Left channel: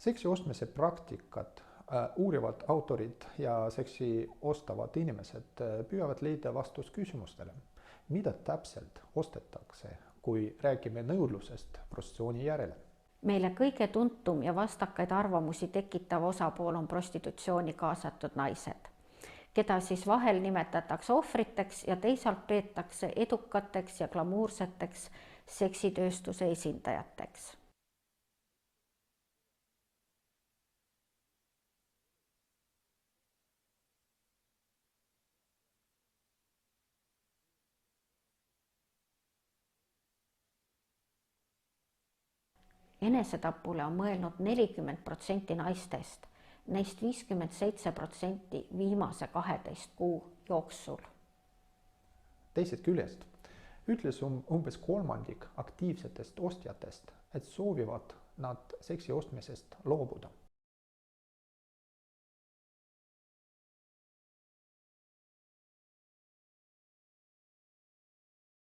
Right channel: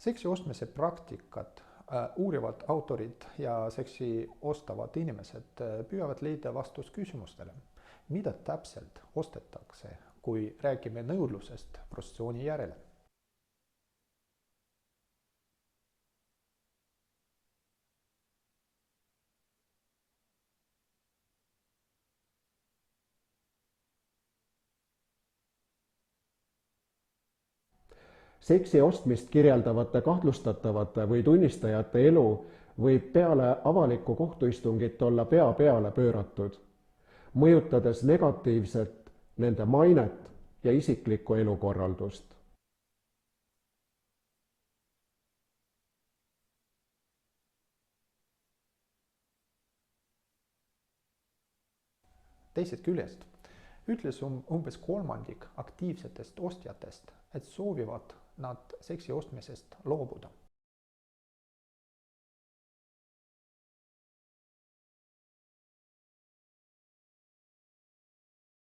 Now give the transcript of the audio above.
Seksi ostmise praktikat uurivad autorid ja seksi ostavad inimesed püüavad leida vastust küsimustele, mida täpselt ostetakse, kui räägime nõudlusest prostitutsiooni järele. Meile kõige tuntum ja vastakaid arvamusi tekitav osapool on prostitutsiooni kaasatud naised, keda siis vahel nimetatakse ohvriteks ja teisalt peetakse edukateks ja glamuurseteks seksitööstuse esindajateks. Seksi ostmist kirjeldavate kahtlustatavate või tunnistajate elu võib peale avalikku kohtuistungit olla pea peale pööratud, mõjutades negatiivselt nende mainet ja isiklikku elukorraldust. Enesetapule on mõelnud 40% naistest, neist 57% viimase 12 kuu jooksul. Teisest küljest ütles umbes kolmandik aktiivsetest ostjatest, et soovivad nad seksi ostmisest loobuda.